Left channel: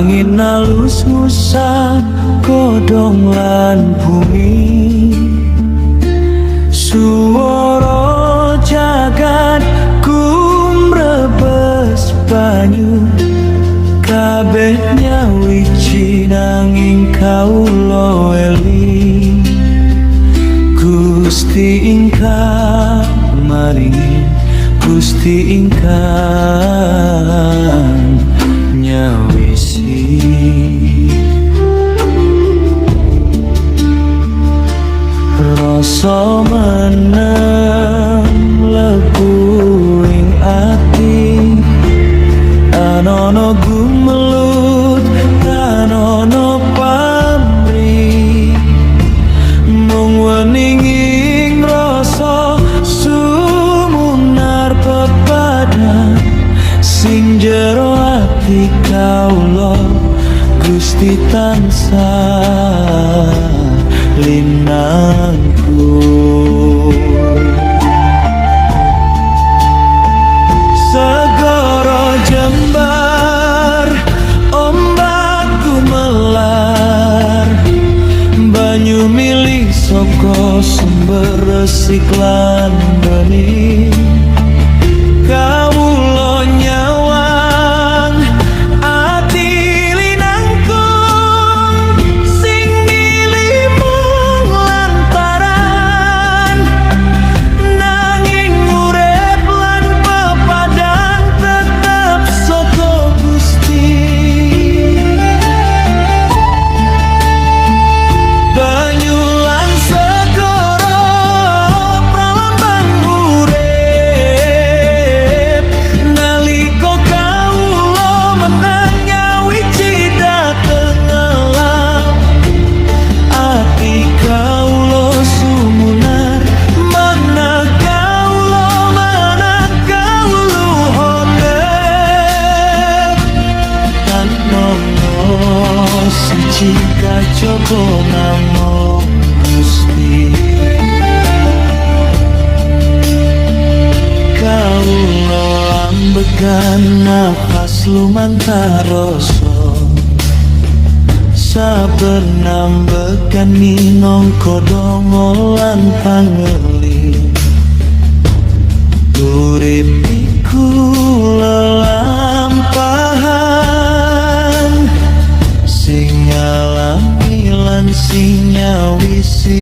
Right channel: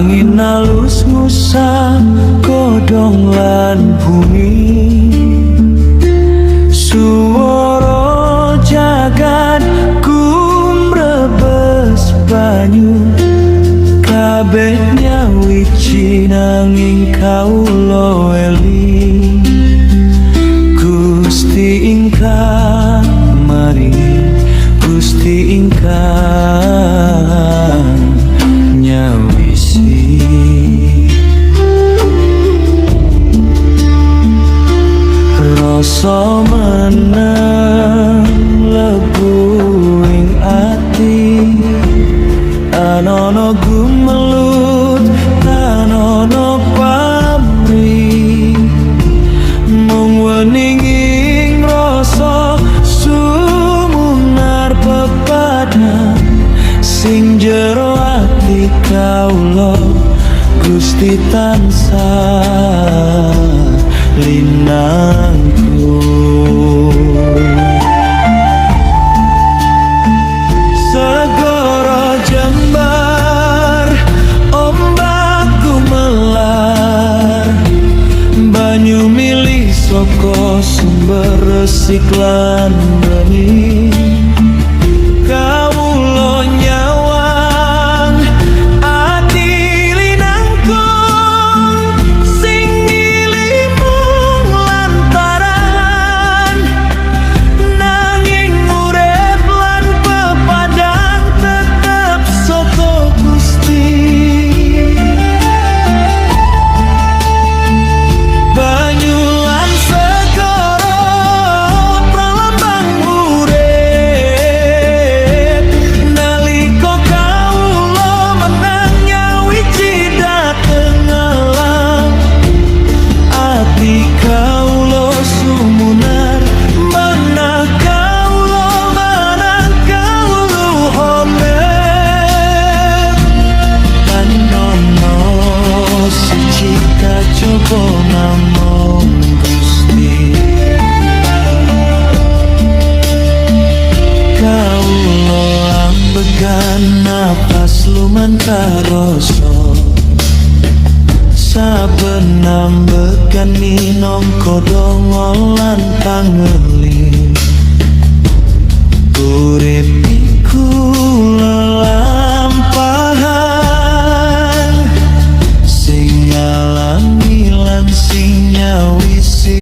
Angin alus ngusap godhong lan bumi, suara jagat kumrebes banyu. Kabeh nyawiji nanging kawula eling, Gusti ingkang maringi, Gusti ingkang nyawisi. Rasa meneng lebu ing ati, anono gumelut anono pamrih, mung weninging rasa sumunar pepadang sing jero ati kawula Gusti tansah linangkung. Segara jembar ombak gumelar, banyu mili saka sumber resik lan bening. Kawula nyawang ati linangkung, sing milih mung lantaran nanging urip lan pepadang tetep saka Gusti. Banyu lan segara pralambang urip, nalika kawula menang nyawiji dateng alam. Ati kawula sumunar manah kawula manang kawuluhane, tanono siji kajaba namung Gusti. Kawula ambegan napas lumantar rasa, saben ambegan minangka donga lan pangeling. Urip iku lelampahan, sing ngalami lan sing nyawisi.